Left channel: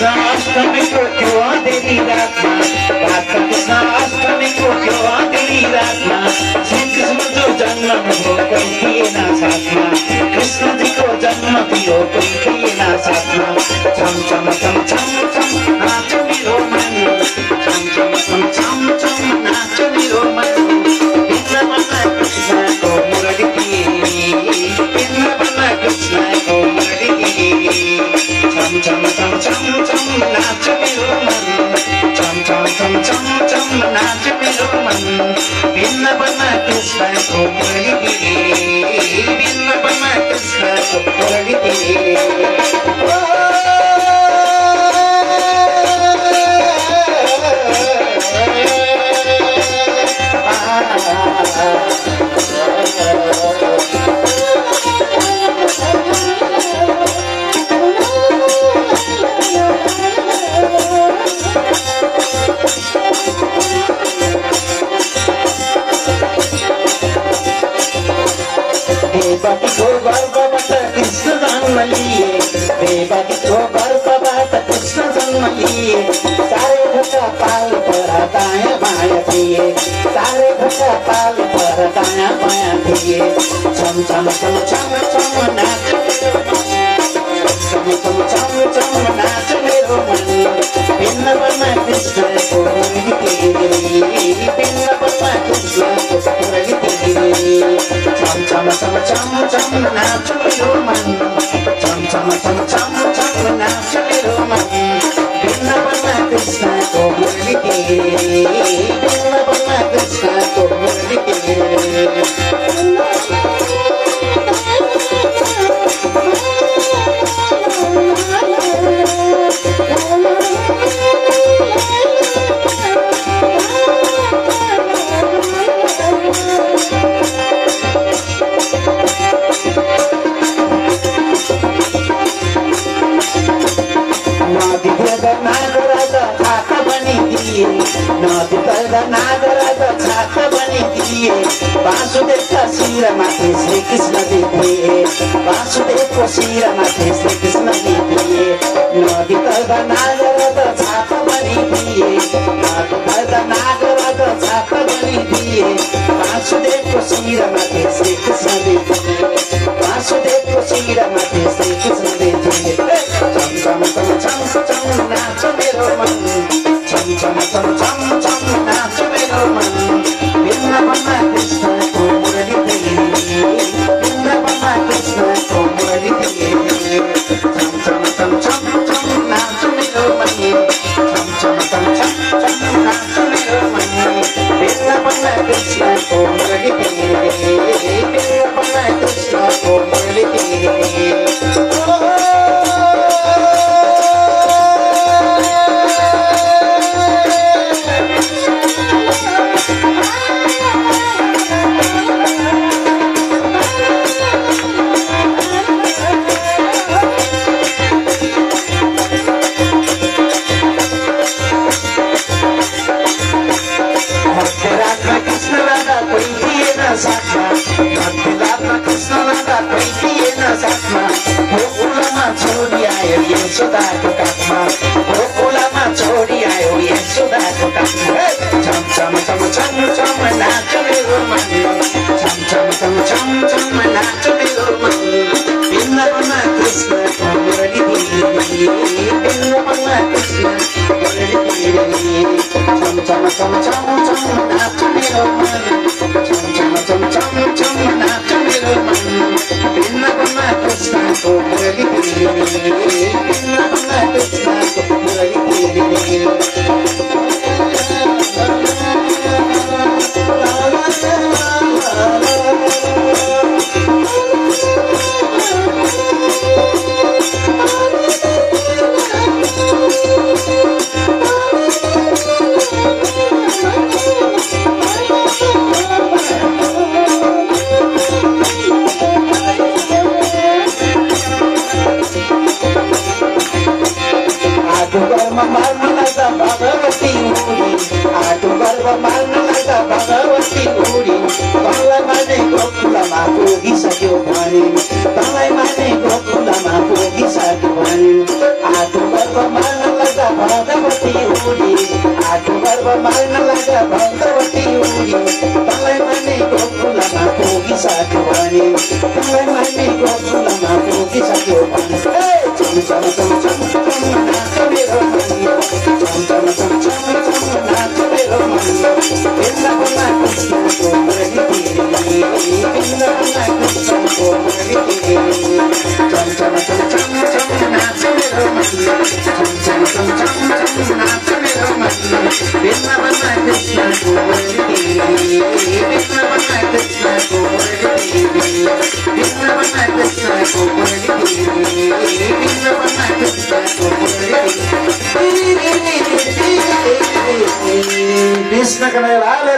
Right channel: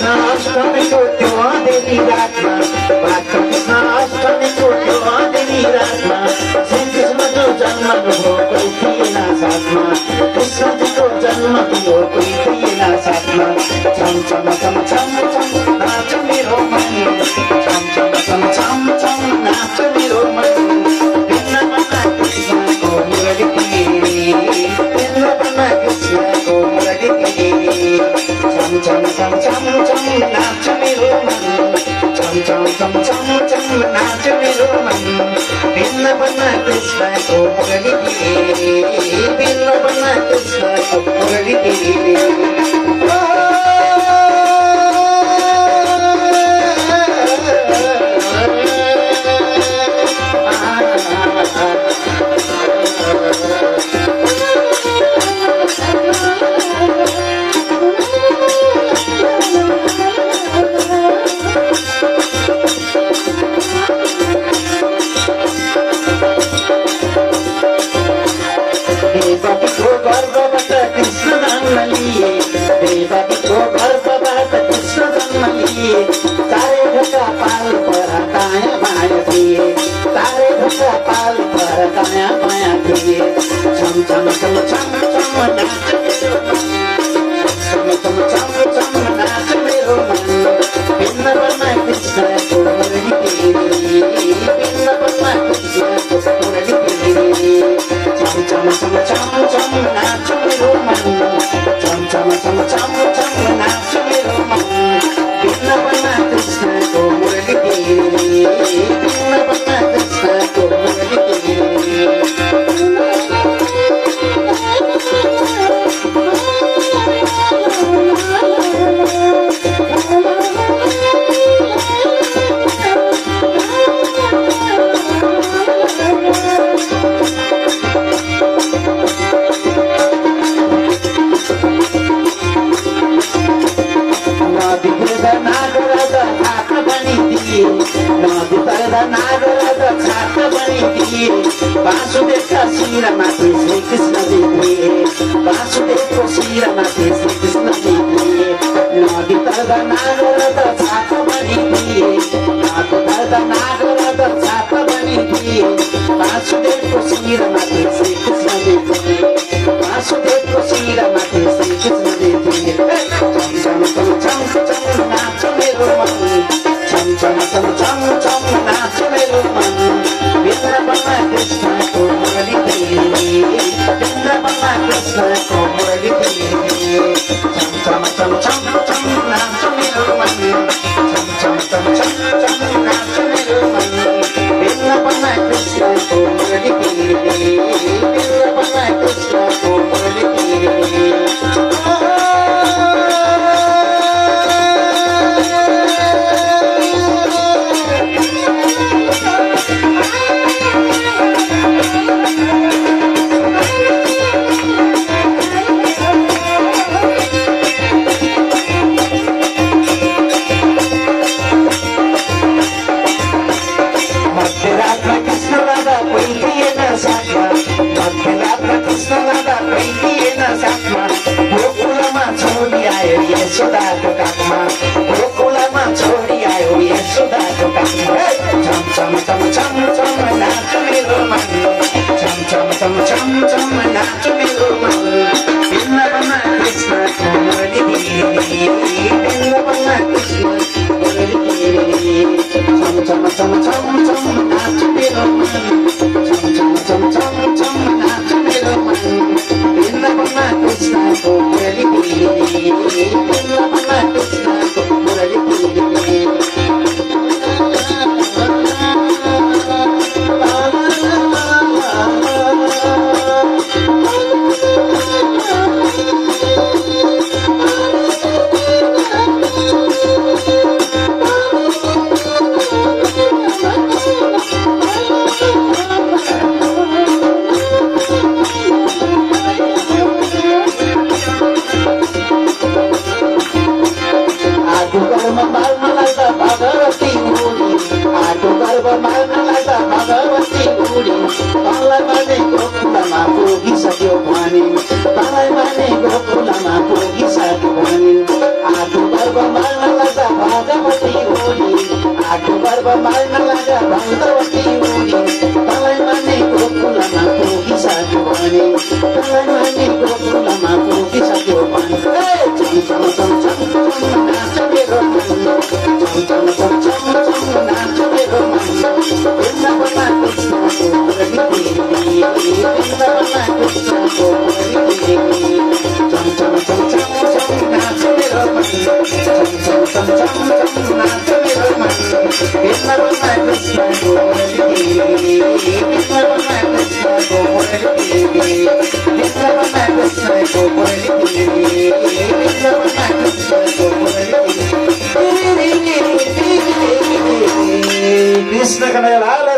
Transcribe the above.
कृष्ण अष्टमीको त्यो अँधेरी रातमा बात कृष्ण अष्टमीको त्यो अँधेरी रातमा श्री कृष्ण जो जन्म भयो कोही थिएन साथमा कृष्णजीको जन्म थियो कोही थिएन साथमा छम छम छम छम छम नाच मेरो मन छम छम छम छम छम नाच मेरो मन वृन्दावनमा कृष्णको मुरली वृन्दावनमा कृष्णको मुरली छम छम छम छम छम नाच मेरो मन छम छम छम छम छम नाच मेरो मन वृन्दावनमा कृष्णको मुरली वृन्दावनमा कृष्णको मुरली देवकीको गर्भबाट कृष्ण जन्म लिए देवकीको गर्भबाट कृष्ण जन्म लिए सारे ढुक्का पाल पर दायाँ बायाँ थिए सारे ढुक्का पाल पर दायाँ बायाँ थिए छम छम छम छम छम नाच छम छम छम छम नाच मेरो मन वृन्दावनमा कृष्णको मुरली वृन्दावनमा कृष्णको मुरली छम छम छम छम छम नाच मेरो मन छम छम छम छम छम नाच मेरो मन वृन्दावनमा कृष्णको मुरली वृन्दावनमा कृष्णको मुरली वासुदेवका शिरमाथि श्री कृष्ण देखिए वासुदेवको शिरमाथि श्री कृष्ण देखिए नदी तर्दा नागरको छाप बनिदिए नदी तर्दा नागरको छाप बनिदिए वासुदेवको शिरमाथि श्री कृष्ण देखिए वासुदेवको शिरमाथि श्री कृष्ण देखिए छम छम छम छम छम नाच मेरो मन छम छम छम छम छम नाच मेरो मन वृन्दावनमा कृष्णको मुरली वृन्दावनमा कृष्णको मुरली छम छम छम छम छम नाच मेरो मन छम छम छम छम छम नाच मेरो मन वृन्दावनमा कृष्णको मुरली वृन्दावनमा कृष्णको मुरली यशोदाको काखमा गोकुलमा छोडी आयो यशोदाको काखमा छम छम छम छम छम नाच मेरो मन छम छम छम छम छम नाच मेरो मन वृन्दावनमा कृष्णको मुरली वृन्दावनमा कृष्णको मुरली छम छम छम छम छम नाच मेरो मन छम छम छम छम छम नाच मेरो मन वृन्दावनमा कृष्णको मुरली Bye. मनको मालिनी चम चम चम चम चम नाच मेरो मन चम चम चम चम चम नाच मेरो मन बेलमा